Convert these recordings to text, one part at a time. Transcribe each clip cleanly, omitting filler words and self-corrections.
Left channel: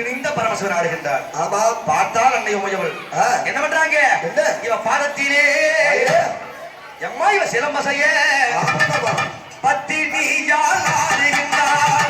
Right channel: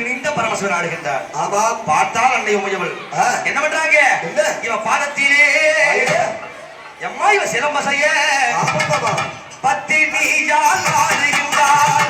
ஒருங்கிணைந்த பரமசிவன் ஆடுகின்றார். ஆமா. பார்த்தால் அன்னை உமையவள் என்ன பண்றாங்க? இவ பாதத்திலே எம்மா இவ சிலம்பசைய பத்தினியால் ஆடுகின்றார்.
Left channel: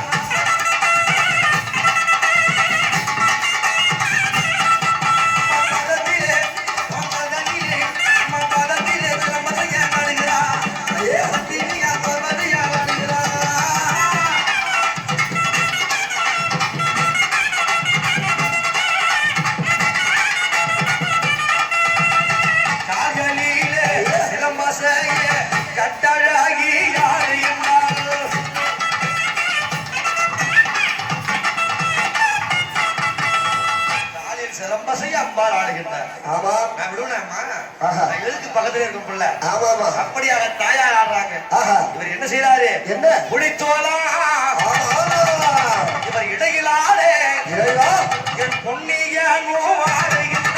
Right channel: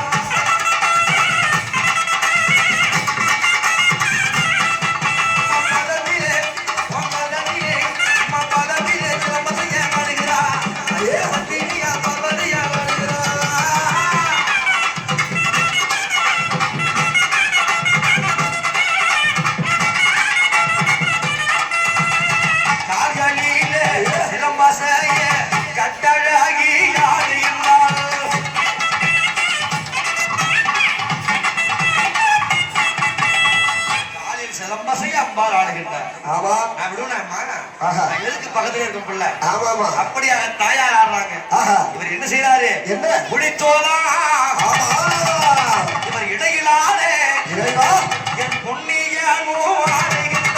கட்டழகி ஆடுகின்றார். காலில் சிலம்பசை அம்பாள் ஆடுகின்றார். ஆமா. எதுக்கு பக்கத்துல இருக்கும் பிள்ளை? ஆமா. அப்படியாக தாயார் ஆடுறாங்க. இவர் என்ன செய்யறாரு? என்ன புலித்தோலா இவர் இடையிலாரே இறைவா என் பொன்னிய ஆடுகின்றார்.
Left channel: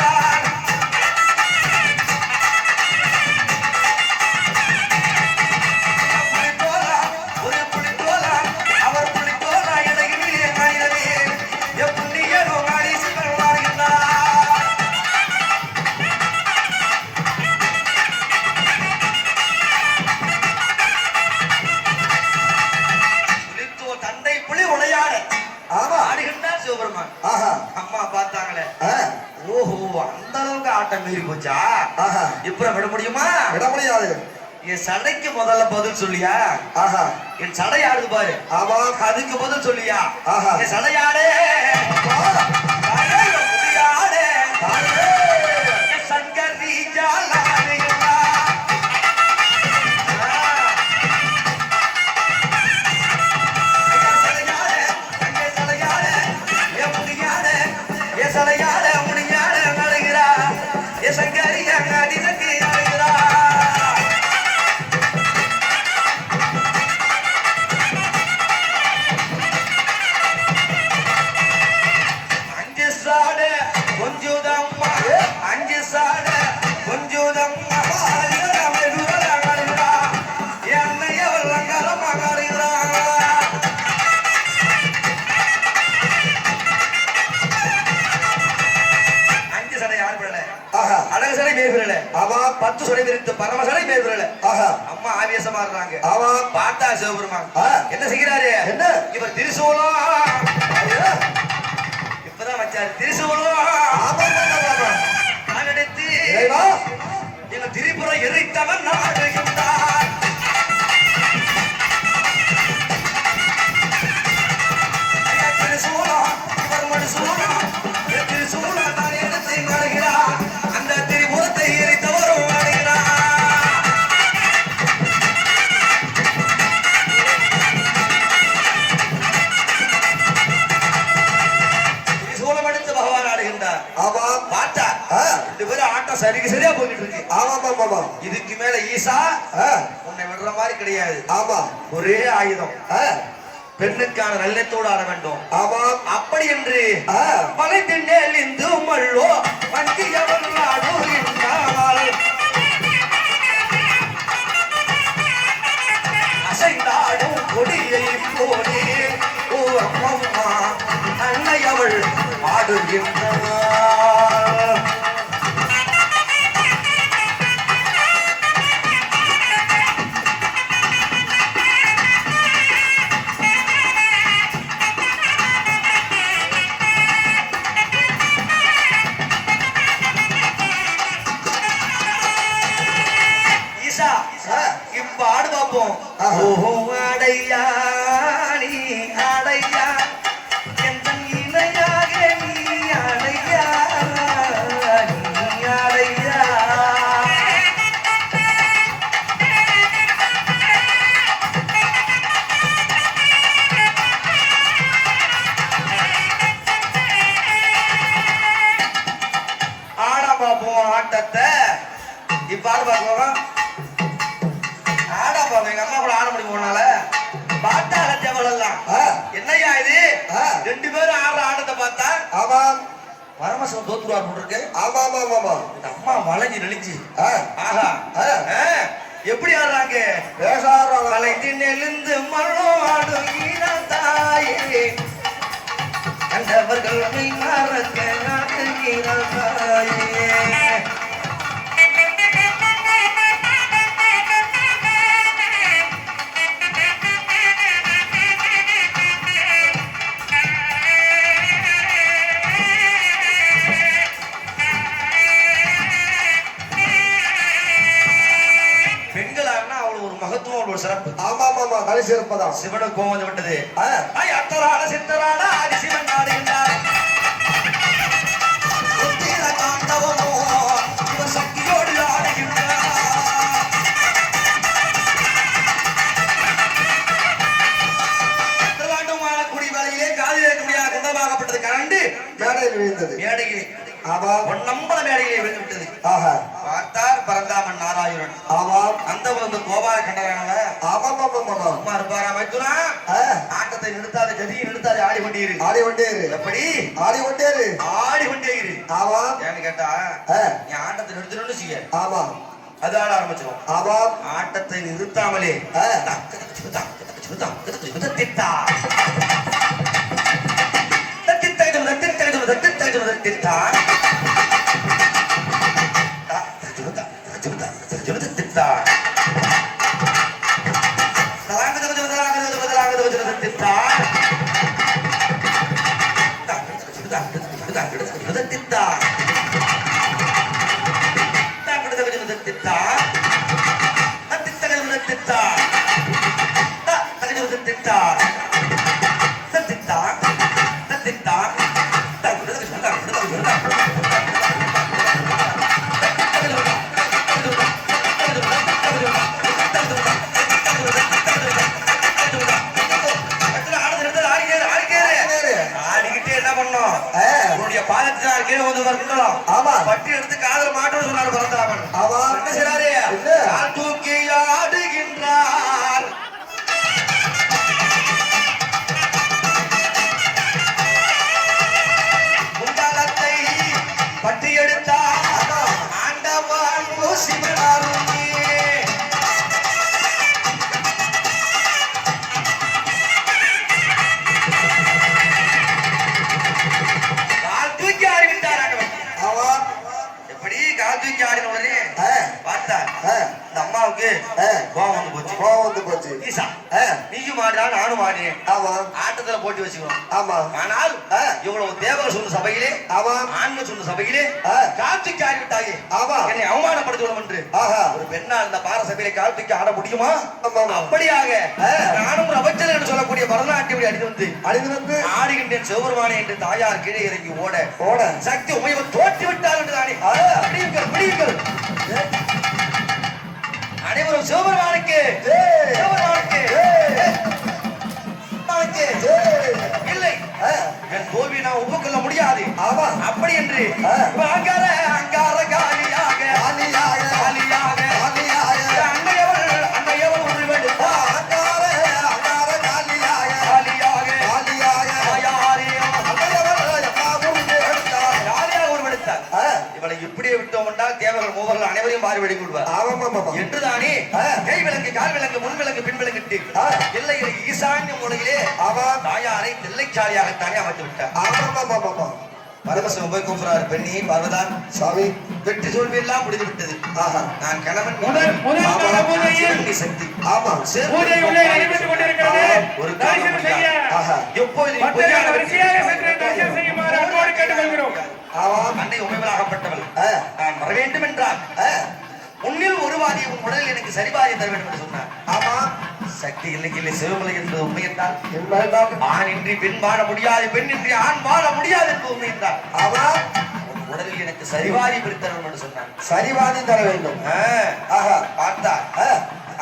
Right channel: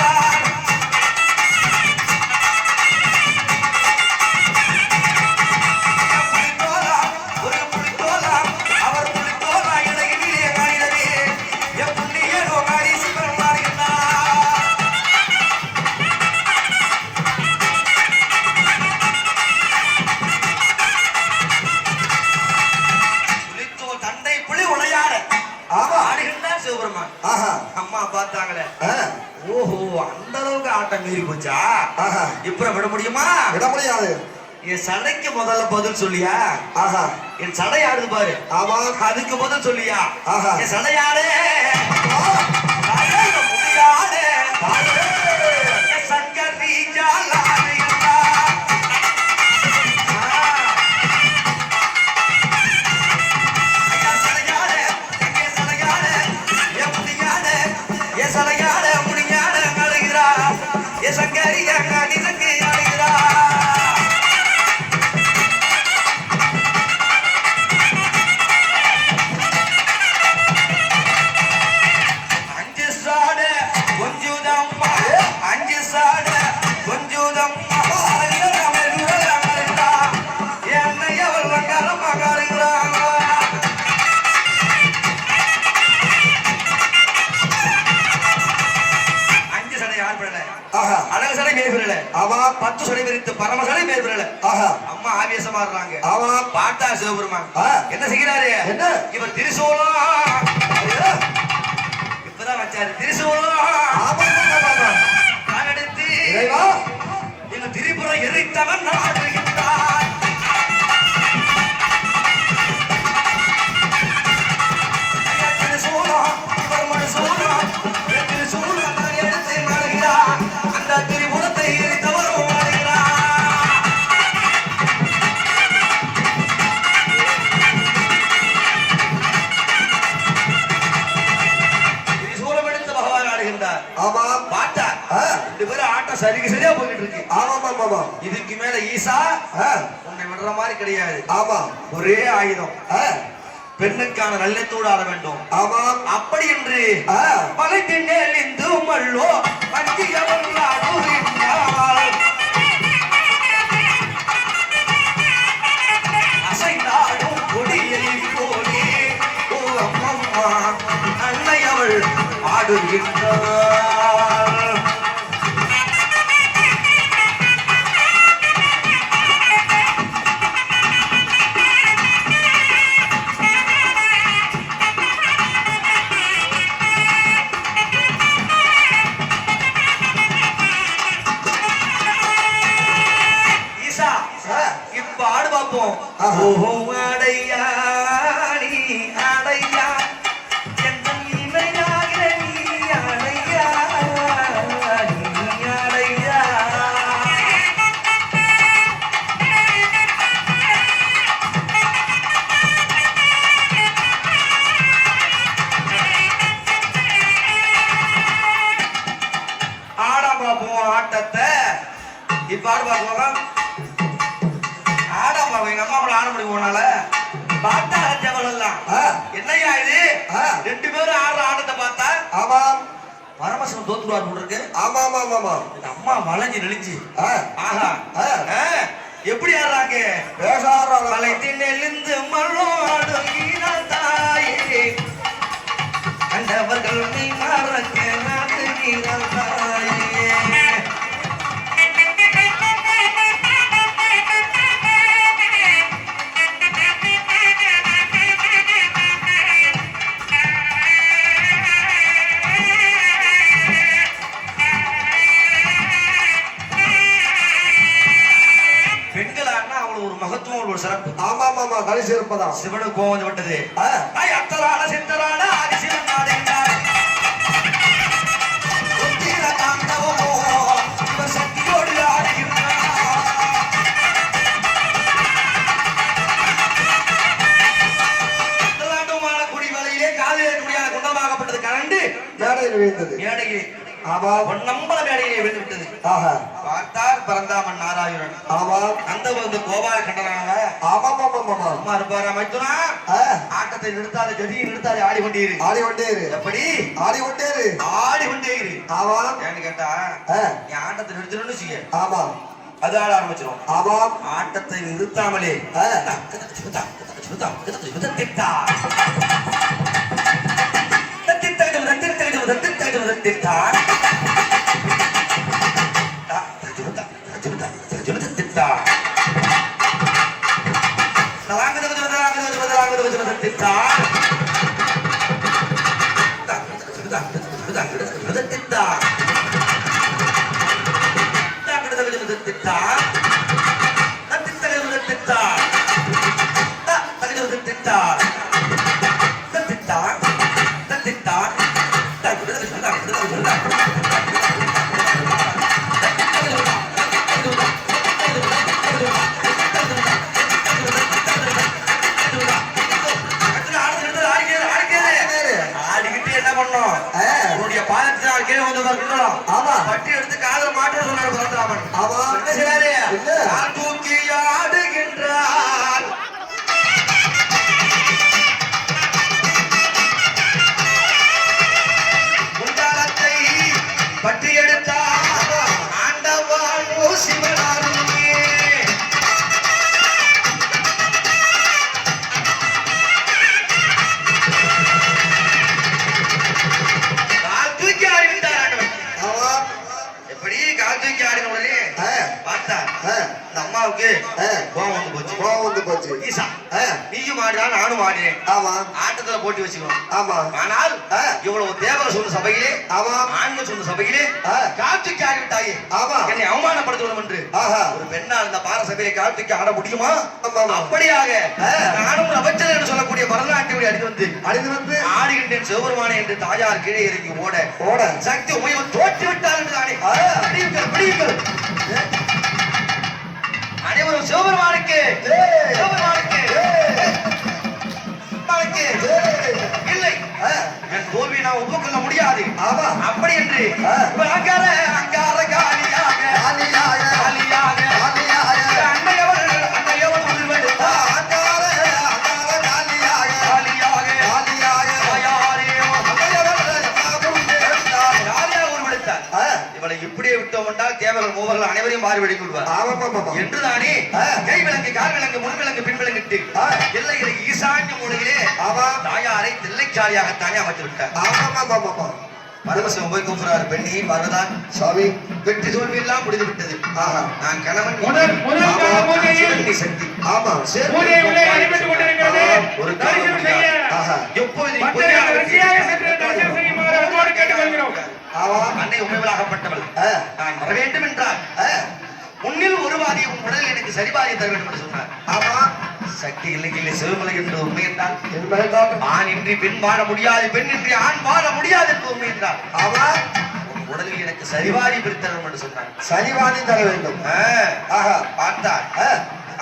அம்மா பார்த்தாங்களே, ஓஹோ அந்த அளவுக்கு ஆட்டம் மீறி போச்சா? இப்ப விட முடியுமா? விட முடியாது. என் சடைக்கு முதல்ல பதில் சொல்லியா? என் சடை ஆடுது பாரு. ஆமா. அதுக்கு பதில் சொல்லியா? என் சடையாடே சங்கர் ரீஜால் சலையாட முடியாட நடுகிறா சங்கரியா நடிசக்கு அழுகிறா. அஞ்சு சாட கொஞ்சுதம்மா அஞ்சு சாட கொஞ்சுதம்மா என்னைய வெள்ளக்காரமா காடுகிறா. அழகு சடை மேய்விரல. ஆமா. 10 சடை விரித்து பரம சடை மேய்விரல. அம்மா ஆவேசமா இருக்காங்க. ஆமா. பார்த்தா சிவபெருமான் என்ன செய்கிறாரு? என்ன இவர் திரிசூலம் இப்பதான் வச்சாரு. திரிசூலம் எடுத்து எங்க திரிபுரம் எரித்தவன் ஆடுகின்றார். திரிசூலம் இவர் மனுசூலம் திரிசூலம் தான் எடுத்து நடுகிறார். அந்த திரிபுரத்தை எரித்தவரும் ஆடுகிறார். திரிசூலம் எடுத்து பகவான் ஆடுகின்றார். ஆமா. பாட்டா 2 பேரும் ஆட்டம் சரியா போயிட்டு இருக்கு. ஆமா. இதுக்கு மேல ஈசா உன்னை விடுற மாதிரி கிடையாது. ஆமா. ஒரே ஆயுதம். பெண்ணுக்கான நல்லத்தோடு ஆட வேண்டும். ஆமா. அப்படி என்று மலை திண்ணேல் இந்து மல்லோ வஞ்சியவள் ஆடுகின்றாள். அசைந்தாடும் கொடியை போலே ஓ அம்மம்மா அன்னை அவள் ஆடுகின்றாள். இப்ப ஆடு பார்ப்போம். ஓஹோ அடையா நீ அடையா எந்த இணையாக நீ அடையா நீ அடையா. ஆடா பார்ப்போம் ஆட்டத்தை. இப்ப ஆடு பார்ப்போம். ஆடா பாப்பா எங்க அம்மா கூட ஆட முடியுமானால பாட்டா தேவலாம் என்னையா இது? 2 பேரும் ஆடுற ஆட்டத்தை பார்த்தா ஆமா பரமசிவன் தோத்துருவார் போல இருக்கு. ஆமா. அம்மா வளைஞ்சு நெளிஞ்சு ஆஹா எப்படி ஆடுறாங்க? வளைந்து நெளிந்து மண்ணோடு தாயே கண்ட அவர்கள் மறக்க நாட்டுகிறாயே. பெண்களான்னா அவ்வளவு ஒரு மகத்துவம் ஒரு சிறப்பு. ஆமா ஆமா கலை சிறப்பதான். சிவனுக்கு கோவம் வந்து விட்டது. அத்தரான சித்தரான ஆதி சிவன் நாடுகின்றார். உத்திர தாண்டவமோ இவன் சக்தியோடு ஆடுகின்றார். உத்தராண்டமான குடிவலையிலே காதில் இருக்கக்கூடிய குண்டமாகப்பட்டது கலண்டு மேடையில் விழுந்தது. மேடையிலே ஆமா பொன்னம்பல மேடையிலே விழுந்து விட்டது. ஆஹா பார்த்தார் பரந்தாமன் நாராயணன். ஆமா அந்த வந்து கோபால கண்டனாங்க. ஆமா ஆமா ஆமா அம்மா இருப்பாரா மைத்துனா ஆட்டத்தை நிறுத்தாது கதியை நிறுத்தாது ஆடிக்கொண்டீரு. ஆடிக்கொண்டே இரு. எப்படி ஆடிக்கொண்டே இரு. ஆடிக்கொண்டே இரு. ஆமா ஏன்னு கேட்டா நீ ஆட்டத்தை நிறுத்தணும்னு செய்ய ஆமா அது ஆட ஆரம்பிச்சிடும். ஆமா ஆட்டத்தை நிறுத்தாமலே பட்டி எடுத்து காதல மாட்டோம் சொன்னாரு பரந்தாமன். என்ன செய்றாரு? கால் தூக்கி ஆடுகின்றார். முண்டாளத்தை பட்டி எடுத்தார். ஆண்டவாள் சிவனாருமே கால் தூக்கி ஆடிவிட்டார் ஆண்டவன். எப்படி கால் தூக்கி ஆடின உடனே பார்த்தார் இந்த அம்மாவுக்கு கோவம் வந்து போச்சு. கோவம் வந்து போச்சு. ஈசா நீயும் ஆடினா நானும் ஆடினேன். ஆமா ஆட்டத்துல போட்டி வச்சுக்கிறோம். ஆமா ஆனால் இவ்வளவு தேவர சொன்ன சபையிலே ஆமா ஆண்மை சொன்ன சபையிலே கால் தூக்கி ஆடிவிட்டாயே. ஆமா என்னை அவமானப்படுத்தணும் என்று ஒரு பெண்ணா இருந்த பார சபையிலே கால் தூக்கி ஆட முடியுமா? அப்படியாக நானும் ஒரு அமைச்சர் என்று சொல்லக்கூடிய பரதநாட்டியம் அடித்து வந்து ஆடுகின்றேன் சிவபெருமானே என்று தாயார் கீழே இறங்கி ஓட சக்தி உமையவன் தோற்றி விட்டார் என்று தானே. பிடியுங்கள் அனைவரும் சிவபெருமானுக்கு இல்லை என் தோல்வி நான் ஒப்புக்கொள்ள முடியாது. அப்படி என்று அங்கார காலியாக அன்னையவள் உருவெடுத்தார். இவளை இப்படியே விட்டோம் என்றால் தேவர்கள் மூவர்கள் அனைவரையும் மாறி வெடித்து விடுவார் என்றுதானே கை விலங்கு கால் விலங்கு முன் விலங்கு பின் விலங்கிட்டு எல்லையில ஈசான்ய மூலையிலே தாயாரை தில்லைச்சாலியாகத்தானே அமைத்து விட்டார். பரமசிவம் போய் கூப்பிடுறாரு, பெண்ணி பார்வதான் சுவாமி வெற்றி தோல்வி எல்லாம் முடிந்து விட்டது. நான் கணவன் சக்தி ஒரு அன்னை உமைவலாகப்பட்டவள் நான் வர வேண்டும் என்றால் முன்னில் ஒருவாதி உன் உடலில் எனக்கு சரிபாதி தர வேண்டும் என்று சொன்னார். ஆமா சக்தி இல்லை சிவமலை என்பது உண்மை என்றால் ஆண் இன்றி பெண் வாழ முடியாது, பெண் இன்றி ஆண் வாழ முடியாது என்பது உண்மை என்றால் ஆமா உன் உடலில் எனக்கு சரிவாதி பிரித்தரணும் என்று சொன்னார். சரிவாதி தர வேண்டும். பார்த்தார்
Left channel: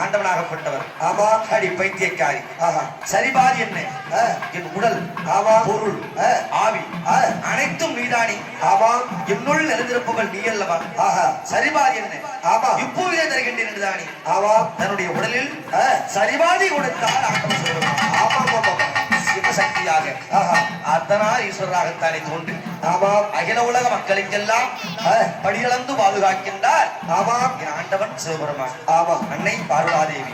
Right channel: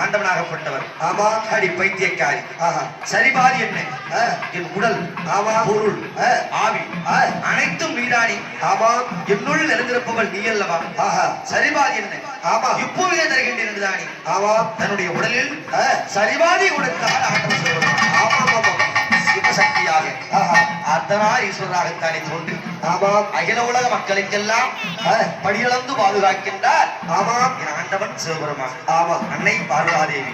ஆண்டவனாகப்பட்டவர். ஆமா அடி பைத்தியக்காரி. சரிபாதி என்ன? என் உடல் ஆமா பொருள் ஆவி அனைத்தும் நீதானி. ஆமா என்னுள் நிறைந்திருப்பவள் நீ அல்லவா? சரிபாதி என்ன? ஆமா இப்போதே தருகின்றேன் என்றுதானி. ஆமா தன்னுடைய உடலில் சரிபாதி கொடுத்தால் ஆண்டவன் சொல்லுவார். ஆமா ஆமா சிவசக்தியாக அர்த்தனா ஈஸ்வரராகத்தானே தோன்றி அகில உலக மக்களுக்கெல்லாம் படியளந்து பாதுகாக்கின்றார். ஆமா என் ஆண்டவன் சிவபெருமான். ஆமா அன்னை பார்வதாதேவி.